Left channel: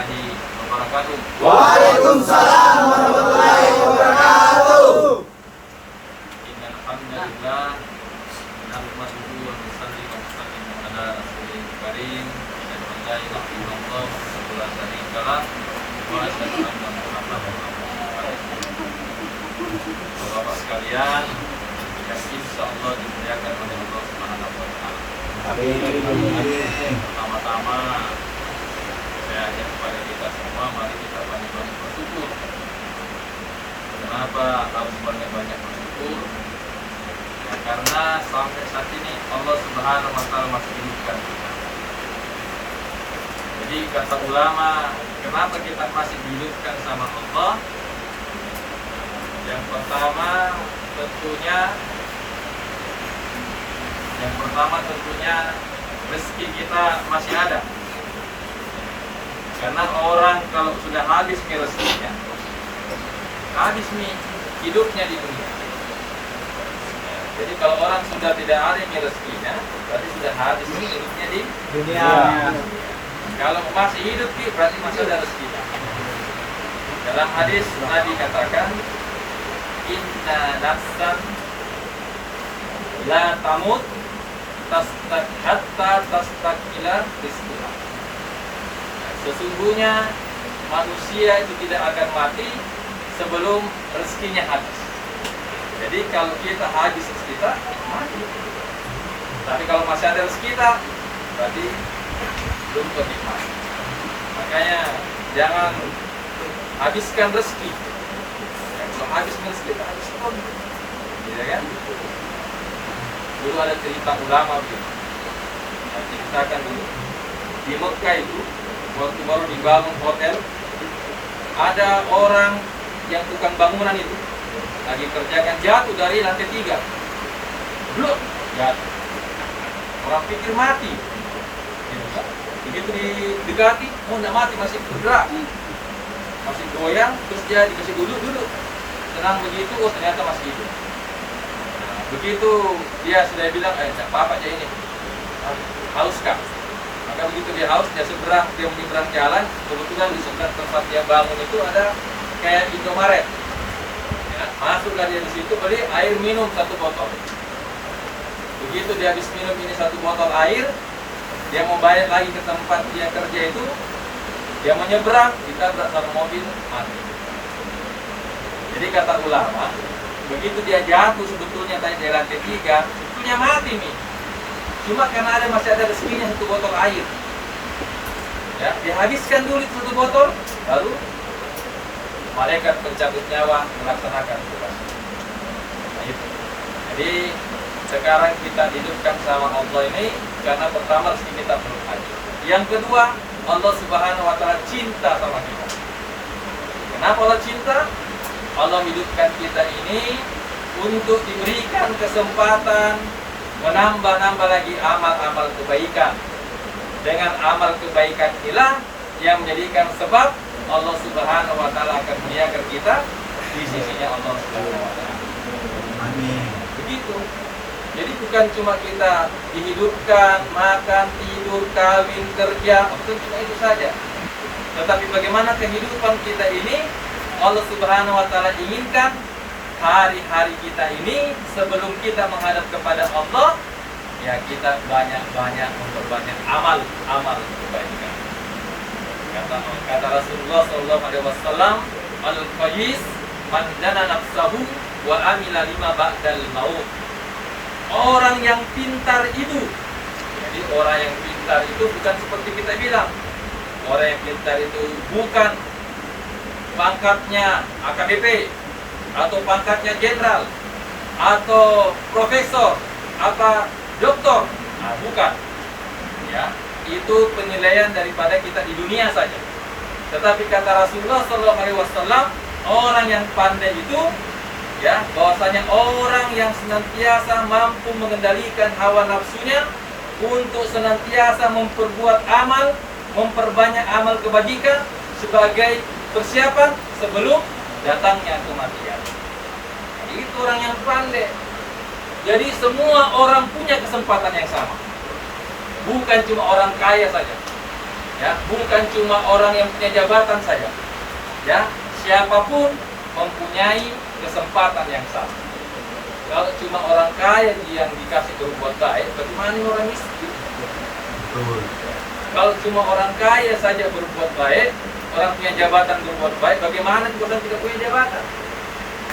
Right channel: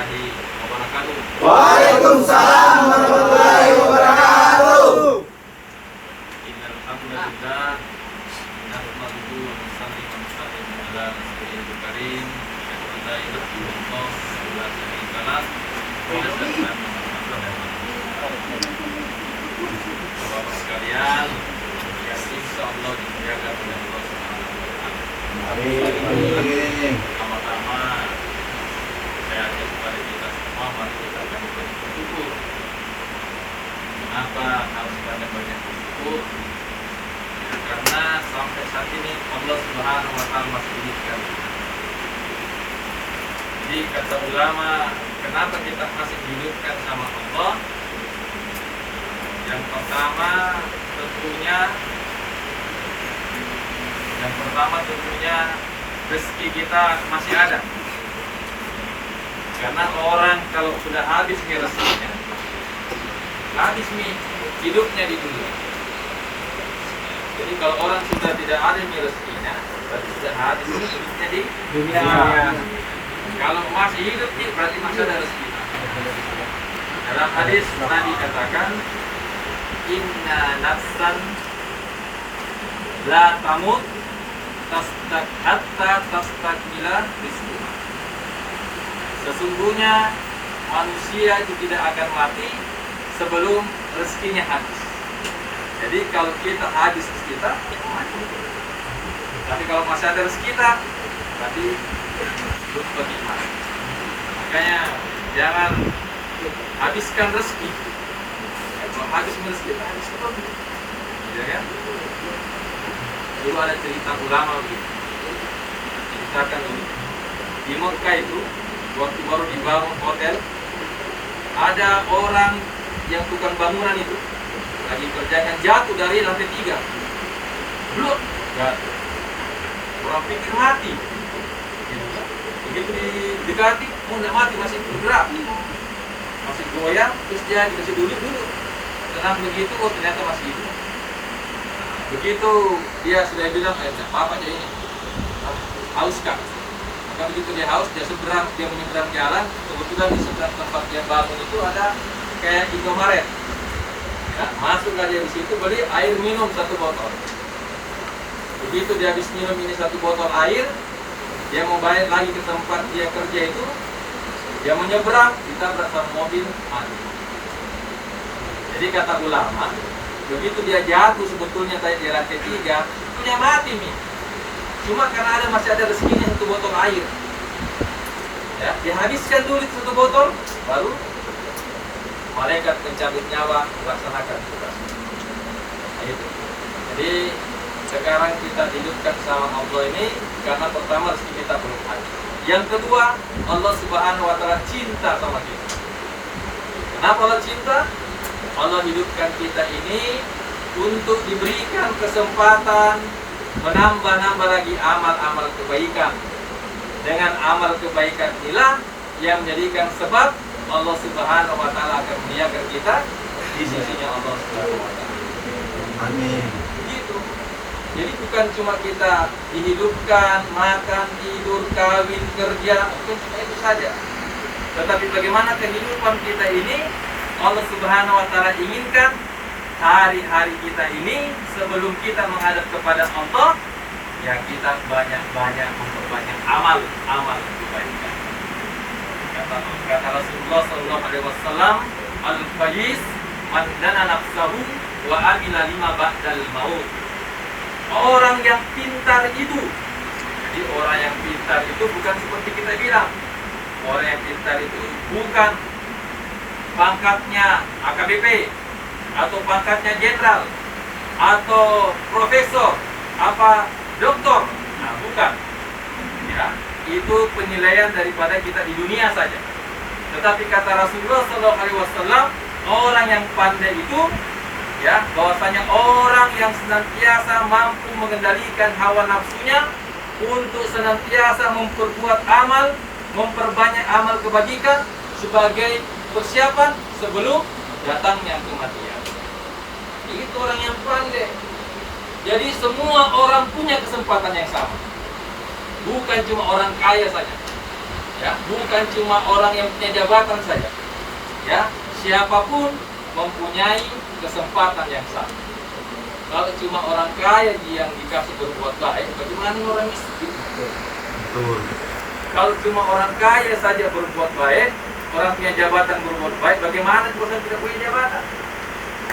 warahmatullahi wabarakatuh. Waalaikumsalam warahmatullahi wabarakatuh. Innal hamdalillah nahmaduhu wa nusalli wa nusallim ala rasulil karim. Asyhadu an la ilaha illallah wa la syarika lah wa asyhadu anna Muhammadan Bapak sekalian, yang insyaallah dimuliakan oleh Allah Subhanahu wa taala. Amin. Pertama-tama saya ajak kepada kita semua, mari kita banyak-banyak bersyukur. Kenapa harus banyak-banyak bersyukur? Ya, karena sampai saat ini Allah Subhanahu wa taala masih hidupkan kita. Jadi kata ulama, kenapa kita masih dihidupkan sama Allah? Yang pertama tentunya rezeki kita masih ada. Karena orang kalau sudah habis nih rezekinya, habis nih hidupnya di dunia. Jadi kalau orang sudah tidak ada nih rezekinya, berarti sudah habis hidupnya di dunia. Kalau masih hidup nih, berarti masih ada rezeki. Dalam hadis Nabi katakan, inna nafsan la tamut hatta tastakmila rizqaha. Sesungguhnya manusia itu tidak akan mati sebelum rezekinya habis. Jadi kalau kita habis rezeki kita, mati. Tapi kalau masih ada rezeki kita, berarti belum pergi mati. Makanya jangan habiskan rezeki. Kalau habis rezeki kita habis pun, ya kan? Dulu ada cerita ulama begitu. Kita ceritakan dulu. Di Mekah itu, waktu baru dibangun hotel, ada orang yang tukang bangunan itu lagi kerjakan, jatuh dari lantai 3. Blok, jatuh. Orang pikir mati. Begitu didekati, oh enggak mati, masih bergerak, masih goyang, terus dia dikasih duduk. Tenang begitu, oh ternyata masih hidup. Begitu dia sudah bilang, apa aja ini, haus kah? Maka begitu dia haus, dia menyeberang jalan. Kebetulan di seberang tempat dia bangun itu ada kayak Indomaret. Ya, masuklah dia di situ, beli air minum 1 botol. Begitu dia habis minum ini 1 botol air, dia mau balik lagi ke tempat dia kerja itu, dia menyeberang, ditabrak sama mobil, mati. Jadi kata ulama, begitu dia jatuh sebetulnya tadi di lantai 3, punya mati nih. Cuma karena masih ada rezekinya 1 botol air. Ya, dihabiskan dulu 1 botol, baru malaikat pencabut nyawa melaksanakan tugas. Gitu. Jadi sekarang kita hidupkan sama Allah ini karena pertama rezeki kita belum ada. Yang kedua, Allah Subhanahu wa taala cinta sama kita. Kenapa Allah cinta? Allah hidupkan kita ini untuk diberikan kesempatan menambah-nambah lagi amal-amal kebaikan. Dengan amal kebaikan inilah yang menjadikan sebab Allah Subhanahu wa taala akan muliakan kita di sisinya Allah Subhanahu wa taala. Amin. Begitu. Jadi bukan cuma kita dihidupkan, makan, tidur, kawin, kerja, bukan cuma itu saja. Tetapi bagaimana kehidupan kita ini Allah Subhanahu wa taala inginkan hari-hari kita ini sebelum kita menghadap kepada Allah, ya kita banyak-banyak memperbanyak amal kebaikan. Kata Rasulullah sallallahu alaihi wasallam, al-faiz man dana nafsahu wa amila lima ba'dal maut. Orang yang pintar itu, jadi orang yang pintar itu bukan seperti kita bilang. Orang yang pintar itu bukan pangkatnya AKBP atau pangkatnya jenderal atau profesor apa doktor, nah, bukan. Ya, itu penilaian daripada kita di dunia saja. Tetapi kata Rasulullah SAW, orang yang pandai itu, ya, bahwasanya orang yang senantiasa mampu mengendalikan hawa nafsunya untuk senantiasa memperbuat amal, memperbanyak amal kebajikan sebagai persiapan sebelum datangnya kematian. Itu orang yang pandai. Jadi semua orang punya kesempatan yang sama. Bukan cuma orang kaya saja. Ya, bukan cuma orang yang punya jabatan saja. Ya, siapapun mempunyai kesempatan yang sama. Kalau cuma orang kaya yang dikasih berbuat baik, bagaimana dengan orang miskin? Betul. Kalau cuma orang kaya saja berbuat baik, orang punya jabatan berbuat baik, bagaimana kalau tidak punya jabatan?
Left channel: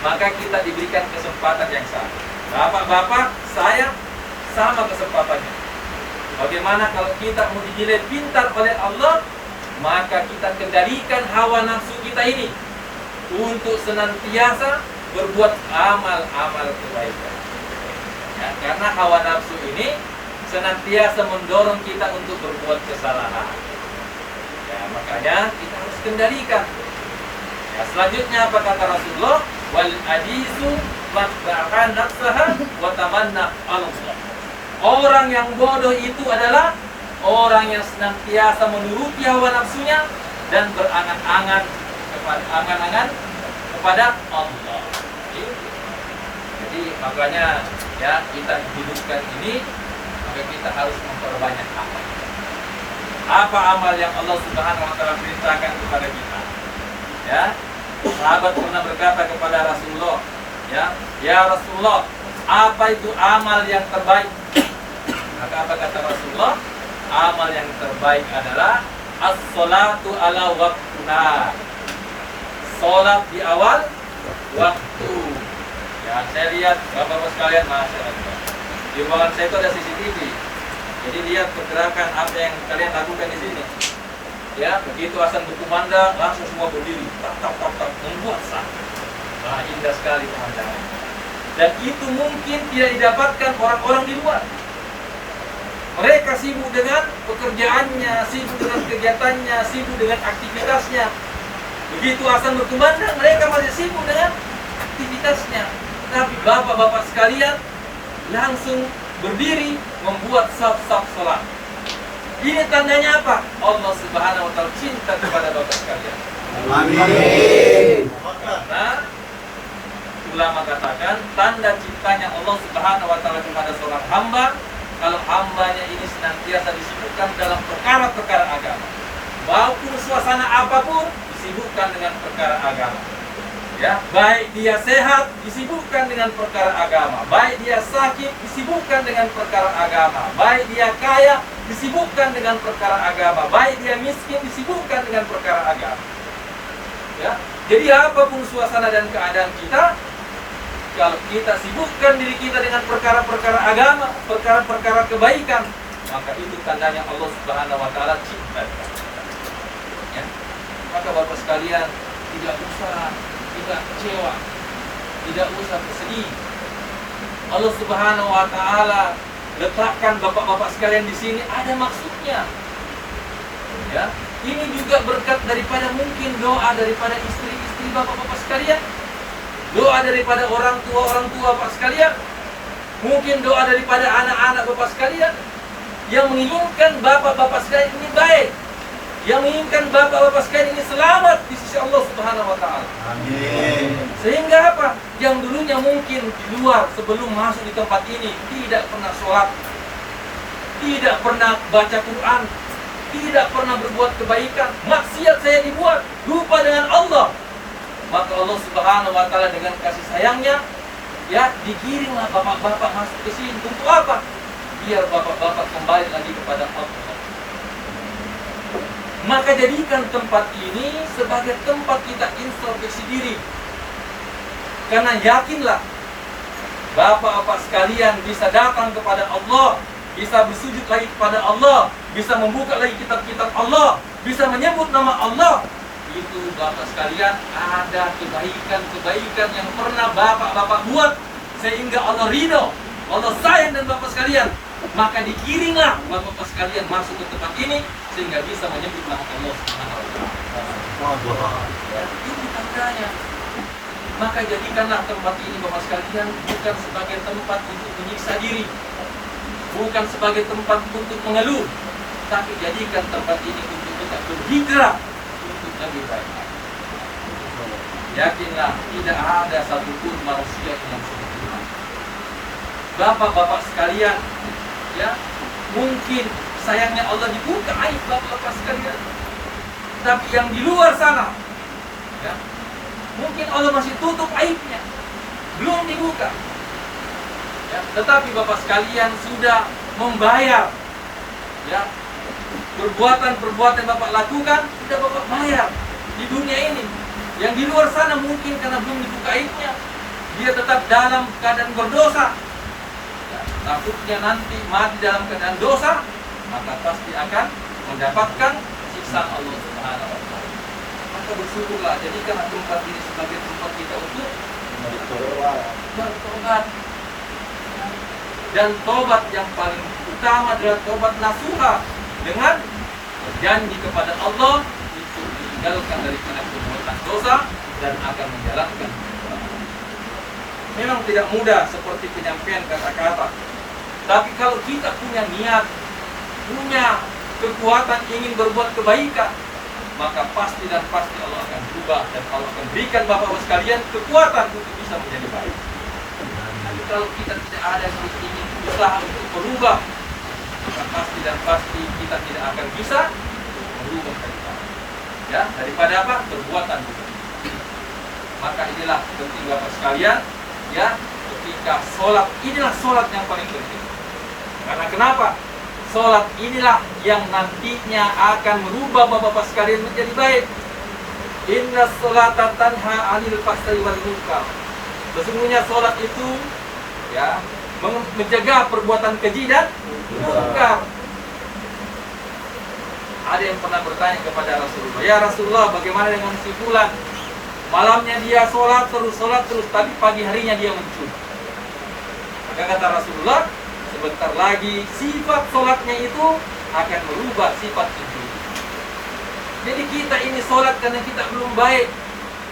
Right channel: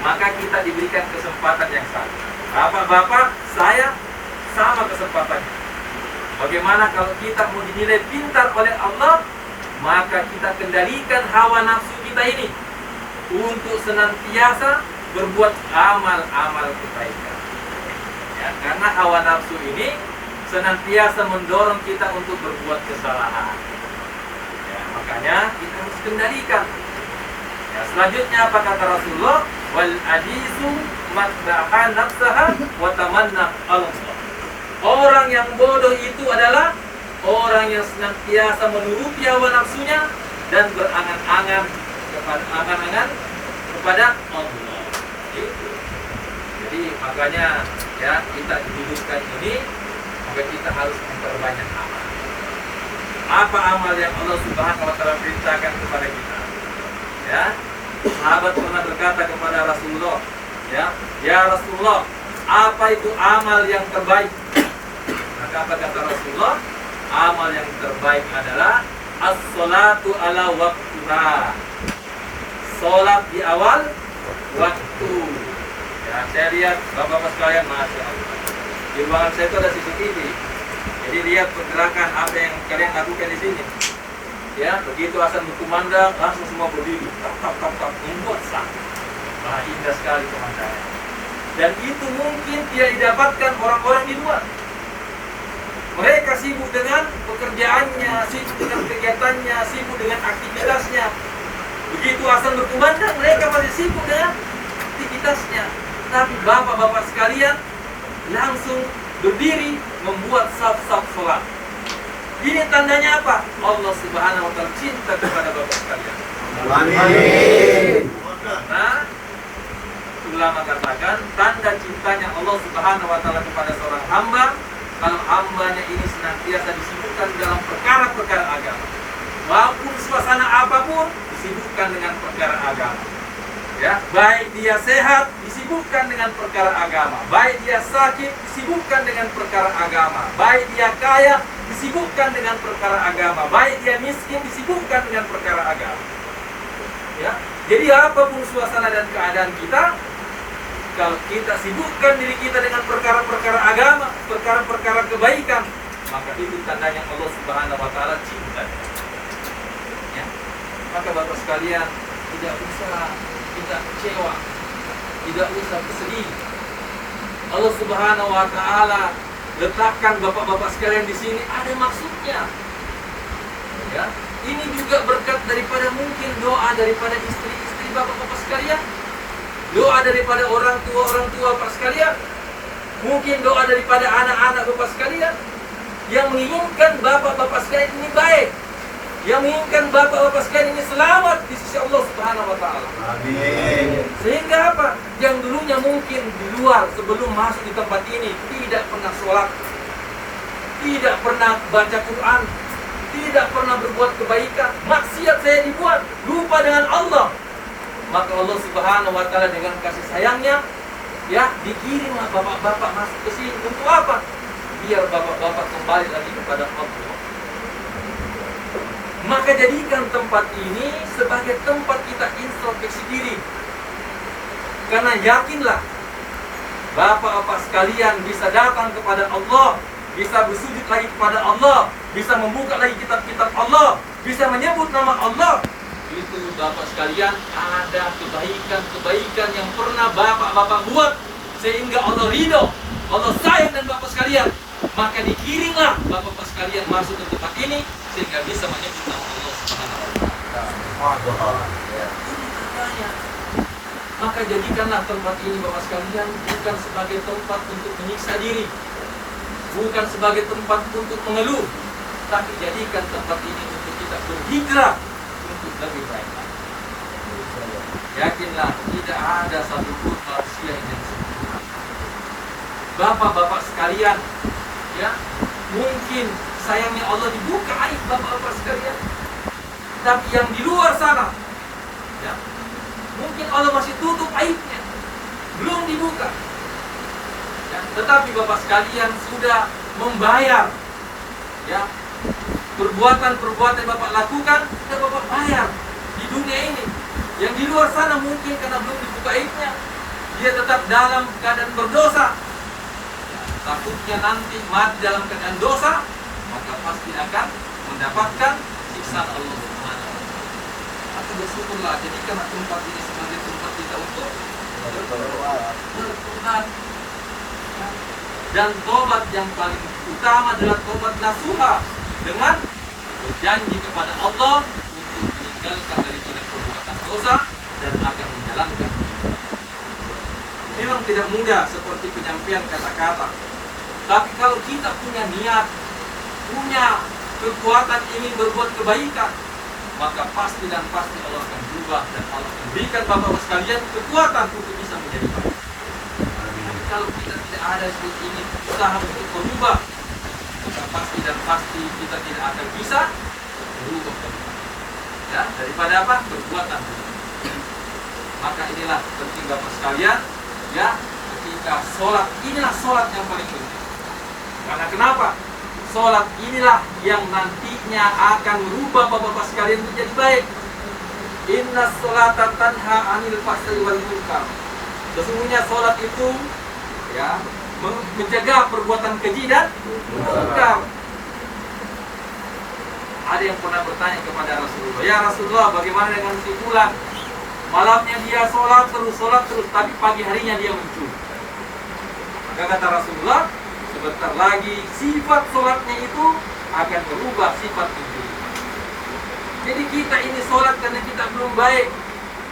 Maka kita diberikan kesempatan yang sama. Bapak-bapak, saya sama kesempatannya. Bagaimana kalau kita mau dinilai pintar oleh Allah, maka kita kendalikan hawa nafsu kita ini untuk senantiasa berbuat amal-amal kebaikan. Ya, karena hawa nafsu ini senantiasa mendorong kita untuk berbuat kesalahan. Ya, makanya kita harus kendalikan. Ya, selanjutnya apa kata Rasulullah? Wal ajizu madda'an nafsaha wa tamanna Allah. Orang yang bodoh itu adalah orang yang senantiasa menuruti hawa nafsunya dan berangan-angan kepada Allah. Itu. Jadi makanya ya kita hidupkan ini, maka kita harus memperbanyak amal. Apa amal yang Allah Subhanahu wa taala perintahkan kepada kita? Ya. Sahabat pernah berkata kepada Rasulullah, ya Rasulullah, apa itu amal yang terbaik? Maka apa kata Rasulullah? Amal yang terbaik adalah as-salatu ala waktuha. Salat di awal waktu. Ya, saya lihat bapak-bapak sekalian, masya Allah. Di ruangan saya itu ada CCTV. Jadi lihat pergerakan apa yang kalian lakukan di sini. Ya, begitu azan berkumandang, langsung semua berdiri, tap, membuat sah. Nah, indah sekali pemandangan. Dan itu mungkin tidak didapatkan orang-orang di luar. Mereka sibuk dengan pekerjaannya, sibuk dengan kegiatannya, sibuk dengan aktivitasnya. Begitu azan berkumandang, mereka masih sibuk dengan aktivitasnya. Tapi bapak-bapak sekalian langsung berdiri membuat saf-saf sholat. Ini tandanya apa? Allah Subhanahu wa taala cinta kepada bapak sekalian. Amin. Karena ulama katakan tanda cintanya Allah Subhanahu wa taala kepada seorang hamba kalau hambanya ini senantiasa disibukkan dalam perkara-perkara agama. Walaupun suasana apapun disibukkan dengan perkara agama. Ya, baik dia sehat disibukkan dengan perkara agama, baik dia sakit disibukkan dengan perkara agama, baik dia kaya disibukkan dengan perkara agama, baik dia miskin disibukkan dengan perkara agama. Ya, jadi apapun suasana dan keadaan kita, kalau kita sibukkan diri kita dengan perkara-perkara agama, perkara-perkara kebaikan, maka itu tandanya Allah Subhanahu wa taala cinta. Ya. Maka Bapak sekalian, tidak usah kita kecewa, tidak usah bersedih. Allah Subhanahu wa taala letakkan bapak-bapak sekalian di sini ada maksudnya. Ya, ini juga berkat daripada mungkin doa daripada istri-istri bapak-bapak sekalian, doa daripada orang tua bapak sekalian, mungkin doa daripada anak-anak bapak sekalian yang menginginkan bapak-bapak sekalian ini baik, yang menginginkan bapak-bapak sekalian ini selamat di sisi Allah Subhanahu wa taala. Amin. Sehingga apa? Yang dulunya mungkin di luar sebelum masuk di tempat ini tidak pernah sholat, tidak pernah baca Quran, tidak pernah berbuat kebaikan, maksiat saya dibuat, lupa dengan Allah. Maka Allah Subhanahu wa taala dengan kasih sayangnya, ya dikirimlah bapak-bapak masuk ke sini untuk apa? Biar bapak-bapak kembali lagi kepada Allah. Maka jadikan tempat ini sebagai tempat kita introspeksi diri. Karena yakinlah bapak-bapak sekalian bisa datang kepada Allah, bisa bersujud lagi kepada Allah, bisa membuka lagi kitab-kitab Allah, bisa menyebut nama Allah. Itu bapak sekalian ada kebaikan-kebaikan yang pernah bapak-bapak buat sehingga Allah ridho, Allah sayang dan bapak sekalian. Maka dikirimlah bapak-bapak sekalian masuk ke tempat ini sehingga bisa menyebut nama Allah Subhanahu wa taala. Ya, ini tandanya. Maka jadikanlah tempat ini bapak sekalian bukan sebagai tempat untuk menyiksa diri, bukan sebagai tempat untuk mengeluh, tapi jadikan tempat ini untuk kita berhijrah untuk lebih baik. Yakinlah tidak ada satupun manusia yang sempurna. Bapak-bapak sekalian, ya, mungkin sayangnya Allah dibuka aib bapak-bapak sekalian. Tapi yang di luar sana, ya, mungkin Allah masih tutup aibnya, belum dibuka. Ya, tetapi bapak sekalian sudah membayar, ya, perbuatan-perbuatan bapak lakukan sudah bapak bayar di dunia ini. Yang di luar sana mungkin karena belum dibuka aibnya, dia tetap dalam keadaan berdosa. Ya, takutnya nanti mati dalam keadaan dosa, maka pasti akan mendapatkan siksa Allah Subhanahu wa Ta'ala. Maka bersyukurlah, jadikanlah tempat ini sebagai tempat kita untuk bertobat. Dan tobat yang paling utama adalah tobat nasuha, dengan berjanji kepada Allah untuk meninggalkan daripada perbuatan dosa dan akan menjalankan ibadah. Memang tidak mudah seperti penyampaian kata-kata, tapi kalau kita punya niat, punya kekuatan ingin berbuat kebaikan, maka pasti dan pasti Allah akan berubah dan Allah akan berikan bapak-bapak sekalian kekuatan untuk bisa menjadi baik. Tapi kalau kita tidak ada ingin usaha untuk berubah, maka pasti dan pasti kita tidak akan bisa berubah ya, daripada apa? Perbuatan buruk. Maka inilah penting bapak sekalian, ya, ketika sholat, inilah sholat yang paling penting. Karena kenapa? Sholat inilah yang nantinya akan merubah bapak-bapak sekalian menjadi baik. Inna sholata tanha anil fahsya'i wal munkar. Sesungguhnya sholat itu, ya, menjaga perbuatan keji dan munkar. Ada yang pernah bertanya kepada Rasulullah, ya Rasulullah, bagaimana dengan si fulan? Malamnya dia sholat terus, tapi pagi harinya dia mencuri. Maka kata Rasulullah, sebentar lagi sifat sholatnya itu akan berubah sifat mencuri. Jadi kita ini sholat karena kita belum baik.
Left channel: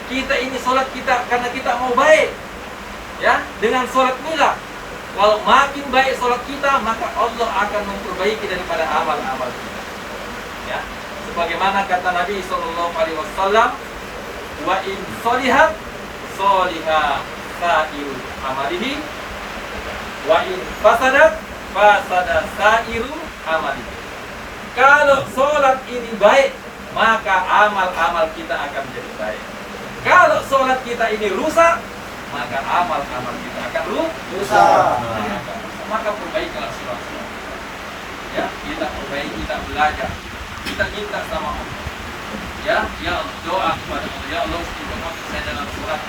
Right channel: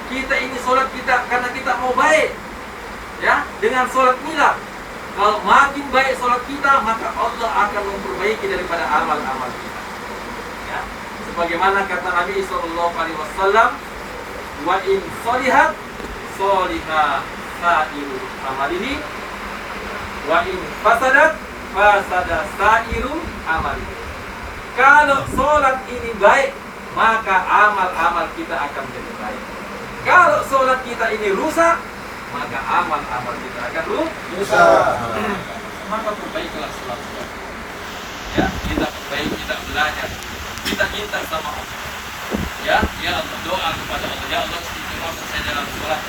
Kita ini sholat kita karena kita mau baik. Ya, dengan sholat inilah, kalau makin baik sholat kita, maka Allah akan memperbaiki daripada amal-amal kita. Ya, sebagaimana kata Nabi Sallallahu Alaihi Wasallam, wa in solihat soliha sairu amalihi, wa in fasadat fasada sairu amalihi. Kalau sholat ini baik, maka amal-amal kita akan menjadi baik. Kalau sholat kita ini rusak, maka amal-amal kita akan rusak. Maka perbaikilah sholat-sholat kita. Ya, kita perbaiki, kita belajar, kita minta sama Allah. Ya Allah, doa kepada Allah, ya Allah, istiqomahkan saya dalam sholat.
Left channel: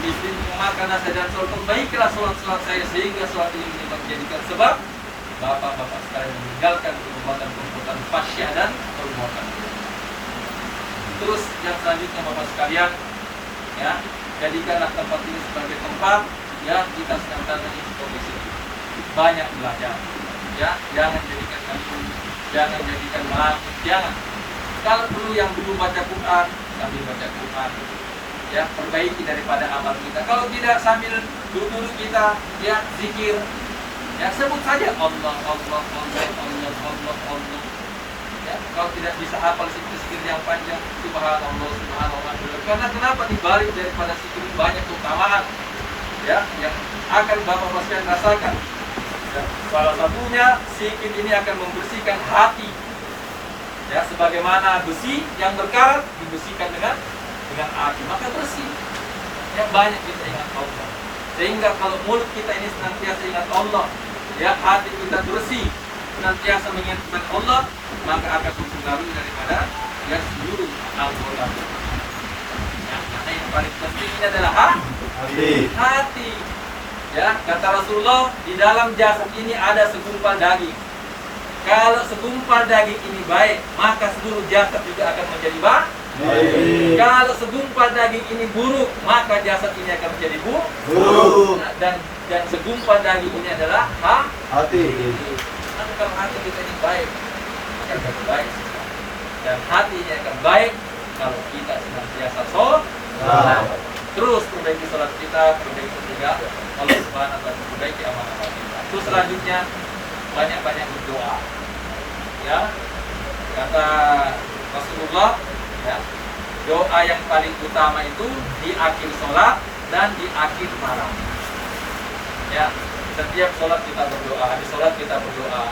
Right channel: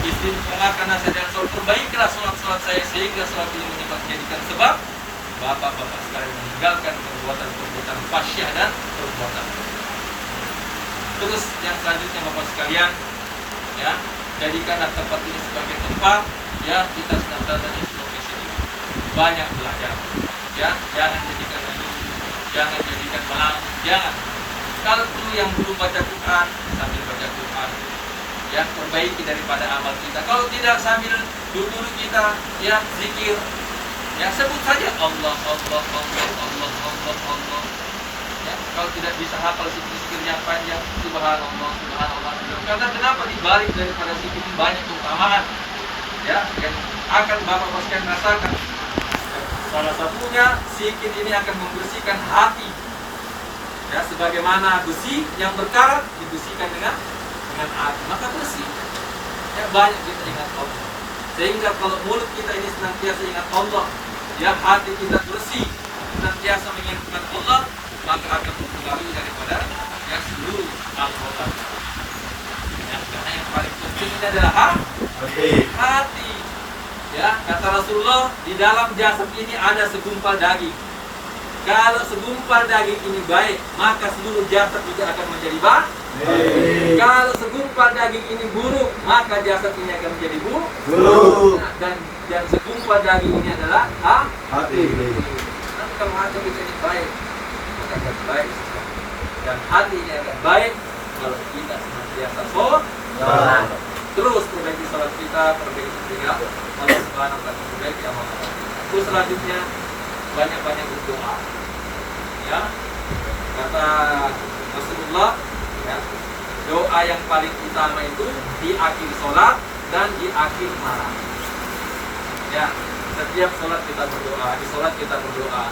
Istiqomahkan saya dalam sholat. Perbaikilah sholat-sholat saya sehingga sholat ini menjadikan sebab bapak-bapak sekalian meninggalkan perbuatan-perbuatan fasyah dan perbuatan. Terus yang selanjutnya bapak sekalian, ya, jadikanlah tempat ini sebagai tempat, ya, kita senantiasa introspeksi, banyak belajar, ya, jangan jadikan ini, jangan jadikan malam, jangan. Kalau perlu yang belum baca Quran, sambil baca Quran, ya, perbaiki daripada amal kita. Kalau tidak, sambil duduk kita, ya, zikir, ya, sebut saja Allah, Allah, Allah, Allah, Allah, Allah. Ya, kalau tidak bisa hafal zikir yang panjang, subhanallah, subhanallah. Karena kenapa dibalik daripada zikir banyak keutamaan, ya, yang akan bapak-bapak sekalian rasakan. Ya, salah satunya zikir ini akan membersihkan hati. Ya, sebagaimana besi yang berkarat dibersihkan dengan api, maka bersih. Ya, banyak kita ingat Allah. Sehingga kalau mulut kita ini senantiasa ingat Allah, ya, hati kita bersih, senantiasa mengingat Allah, maka akan mempengaruhi daripada, ya, seluruh anggota tubuh. Ya, karena yang paling penting ini adalah hati. Ya, kata Rasulullah, di dalam jasad ini ada segumpal daging. Kalau segumpal daging ini baik, maka seluruh jasad juga akan menjadi baik. Kalau segumpal daging ini buruk, maka jasad ini akan menjadi buruk. Dan segumpal daging ini adalah hati. Nah, kalau hati kita ini baik, akan menjadi baik. Dan hati ini akan baik kalau kita senantiasa sholat. Terus perbaiki sholat kita, perbaiki sehingga Allah Subhanahu wa Ta'ala memperbaiki amal-amal kita. Terus selanjutnya banyak-banyak berdoa. Ya, kata Rasulullah, ya, doa yang paling utama itu di akhir sholat dan di akhir malam. Ya, setiap sholat kita berdoa, di sholat kita berdoa.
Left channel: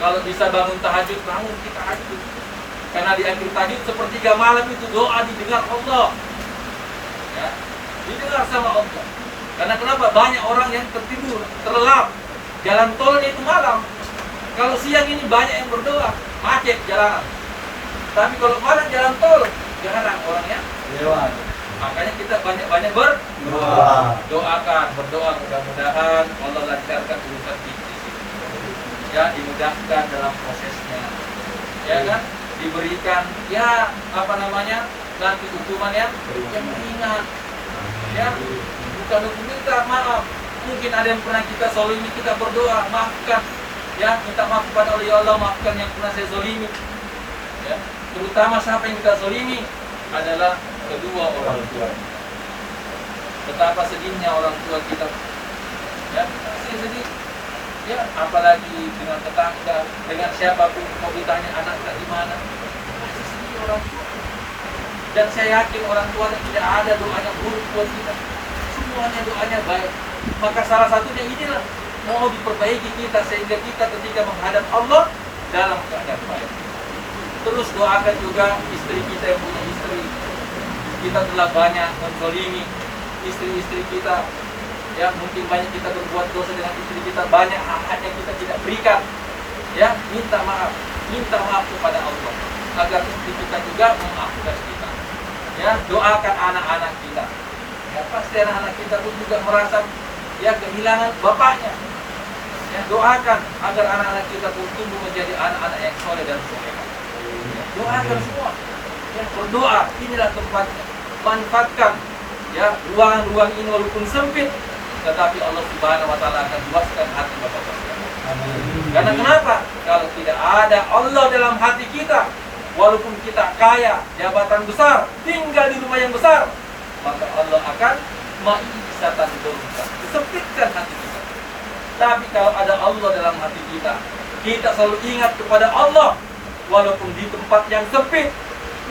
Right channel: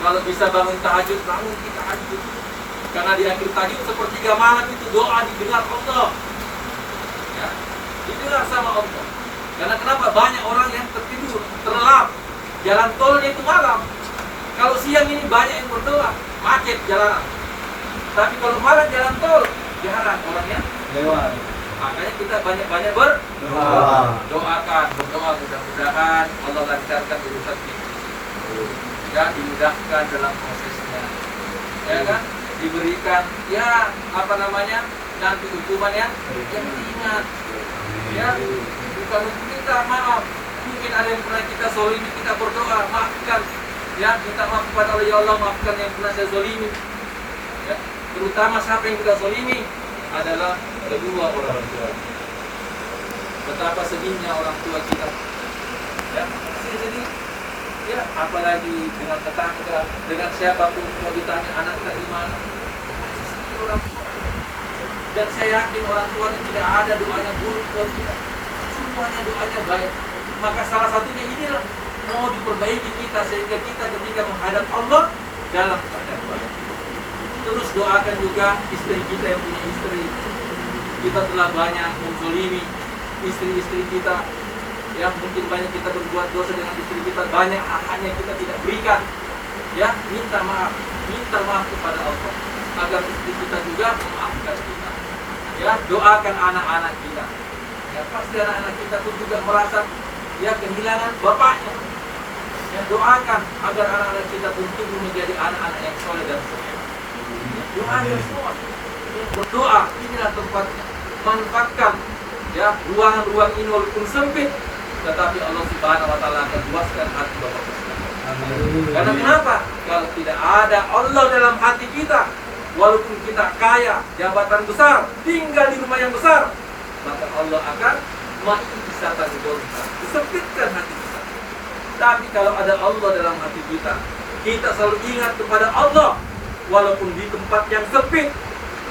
Kalau bisa bangun tahajud, bangun kita tahajud. Karena di akhir tahajud sepertiga malam itu doa didengar Allah. Ya, didengar sama Allah. Karena kenapa? Banyak orang yang tertidur, terlelap. Jalan tolnya itu malam. Kalau siang ini banyak yang berdoa, macet jalanan. Tapi kalau malam jalan tol, jarang orang yang Lewat. Makanya kita banyak-banyak berdoakan, berdoa mudah-mudahan Allah lancarkan urusan kita. Ya, dimudahkan dalam prosesnya. Ya kan? Diberikan ya apa namanya? Nanti hukuman yang ringan. Ya, bukan untuk kita, maaf. Mungkin ada yang pernah kita zalimi, kita berdoa, maafkan. Ya, minta maaf kepada Allah, ya Allah, maafkan yang pernah saya zalimi. Ya, terutama siapa yang kita zalimi adalah kedua orang tua kita. Betapa sedihnya orang tua kita. Ya, sedih. Ya, apalagi dengan tetangga, dengan siapapun mau ditanya anaknya di mana. Masih sedih orang tua. Dan saya yakin orang tua tidak ada doanya buruk buat kita. Semuanya doanya baik. Maka salah satunya inilah mau diperbaiki kita sehingga kita ketika menghadap Allah dalam keadaan baik. Terus doakan juga istri kita yang punya istri. Kita telah banyak menzalimi istri-istri kita. Ya, mungkin banyak kita berbuat dosa dengan istri kita, banyak hak yang kita tidak berikan. Ya, minta maaf kepada Allah agar istri kita juga memaafkan kita. Ya, doakan anak-anak kita. Ya, pasti anak-anak kita pun juga merasa ya kehilangan bapaknya. Ya, doakan agar anak-anak kita pun tumbuh menjadi anak-anak yang soleh dan solehah. Ya, doakan semua. Ya, berdoa, inilah tempat, manfaatkan ya ruang-ruang ini walaupun sempit, tetapi Allah Subhanahu wa taala akan luaskan hati bapak-bapak sekalian. Karena kenapa? Kalau tidak ada Allah dalam hati kita, walaupun kita kaya, jabatan besar, tinggal di rumah yang besar, maka Allah akan ma'isatan dorka, sempitkan hati kita. Tapi kalau ada Allah dalam hati kita, kita selalu ingat kepada Allah, walaupun di tempat yang sempit,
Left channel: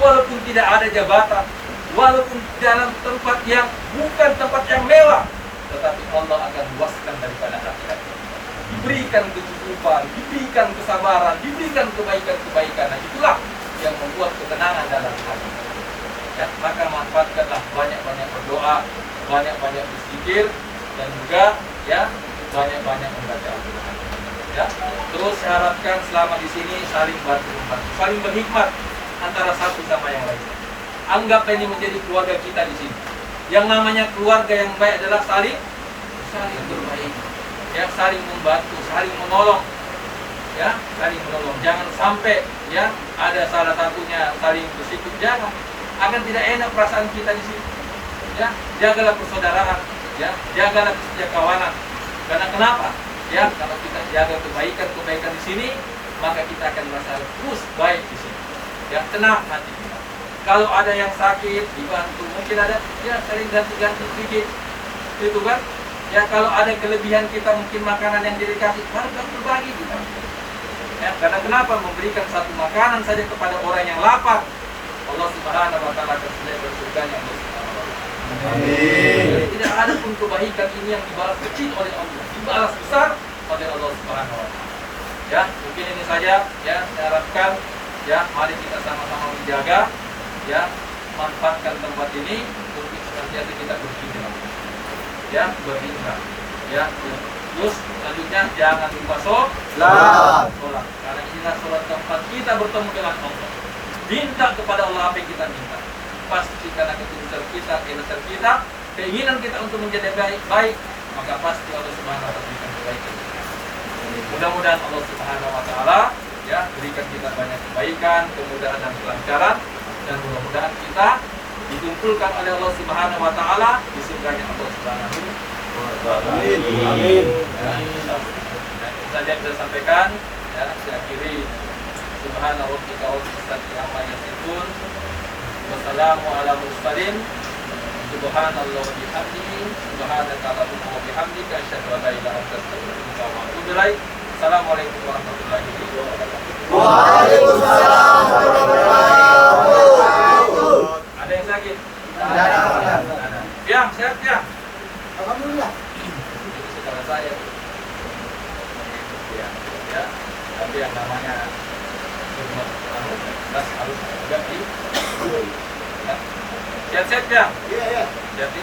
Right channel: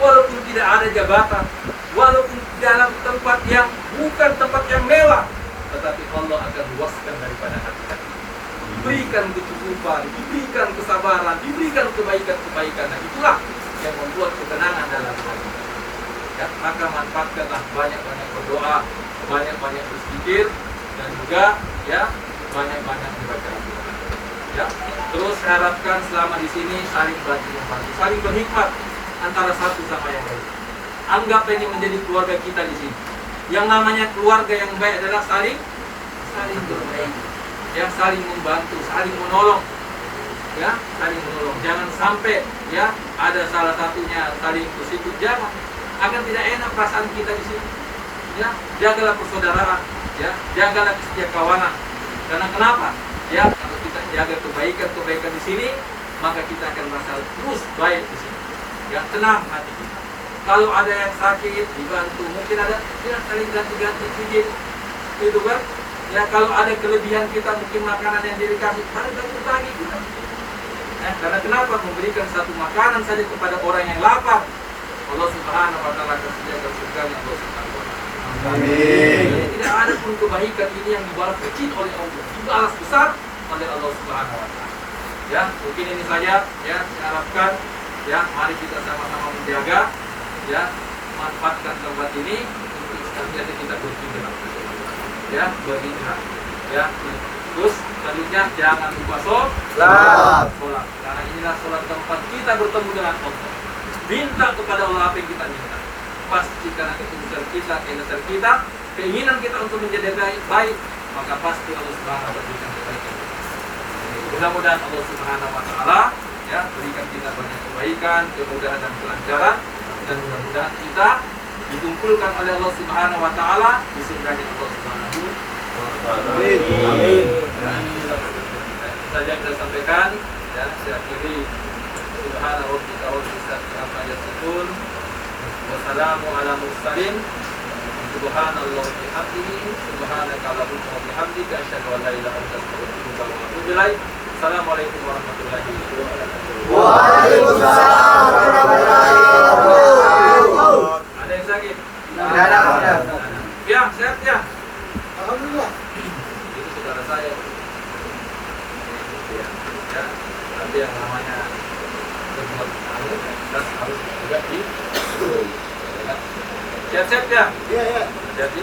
walaupun tidak ada jabatan, walaupun dalam tempat yang bukan tempat yang mewah, tetapi Allah akan luaskan daripada hati-hati. Diberikan kecukupan, diberikan kesabaran, diberikan kebaikan-kebaikan. Nah, itulah yang membuat ketenangan dalam hati. Ya, maka manfaatkanlah banyak-banyak berdoa, banyak-banyak berzikir, dan juga ya banyak-banyak membaca Al-Quran. Ya, terus harapkan selama di sini saling bantu-membantu, saling berhikmat antara satu sama yang lainnya. Anggap ini menjadi keluarga kita di sini. Yang namanya keluarga yang baik adalah saling berbaik, ya, saling membantu, saling menolong, ya, saling menolong. Jangan sampai ya ada salah satunya saling bersikap, jangan. Akan tidak enak perasaan kita di sini. Ya, jagalah persaudaraan, ya, jagalah kesetiakawanan. Karena kenapa? Ya, kalau kita jaga kebaikan di sini, maka kita akan merasa terus baik di sini. Ya, tenang hati kita. Kalau ada yang sakit, dibantu. Mungkin ada, ya, saling ganti-ganti sedikit, gitu kan? Ya, kalau ada kelebihan kita, mungkin makanan yang dikasih, mari kita berbagi kita. Ya, karena kenapa? Memberikan satu makanan saja kepada orang yang lapar, Allah Subhanahu wa taala akan sediakan surganya Allah Subhanahu wa taala. Amin. Tidak ada pun kebaikan ini yang dibalas kecil oleh Allah, dibalas besar oleh Allah Subhanahu wa taala. Ya, mungkin ini saja ya, saya harapkan ya, mari kita sama-sama menjaga, ya, manfaatkan tempat ini untuk senantiasa kita berhijrah, ya, berhijrah, ya. Terus selanjutnya jangan lupa sholat, karena inilah sholat tempat kita bertemu dengan Allah. Minta kepada Allah apa yang kita minta. Pasti karena ketulusan kita, keikhlasan kita, keinginan kita untuk menjadi baik, maka pasti Allah Subhanahu wa taala berikan kebaikan. Mudah-mudahan Allah Subhanahu wa taala ya berikan kita banyak kebaikan, kemudahan dan kelancaran, dan mudah-mudahan kita dikumpulkan oleh Allah Subhanahu wa taala di surganya Allah Subhanahu wa taala. Amin. Dan saja yang kita sampaikan ya, saya akhiri subhana rabbika rabbil izzati amma yasifun wa salamun ala mursalin subhanallahi wa bihamdihi subhanaka allahumma wa bihamdika asyhadu an la ilaha illa anta astaghfiruka wa atubu ilaik. Assalamualaikum warahmatullahi wabarakatuh. Waalaikumsalam warahmatullahi wabarakatuh. Ada yang sakit? Tidak ada. Ya, sehat ya? Alhamdulillah. Itu saudara saya. Ya, ya. Tapi yang namanya sumber anu jelas harus juga di. Siap-siap ya. Iya, iya. Jadi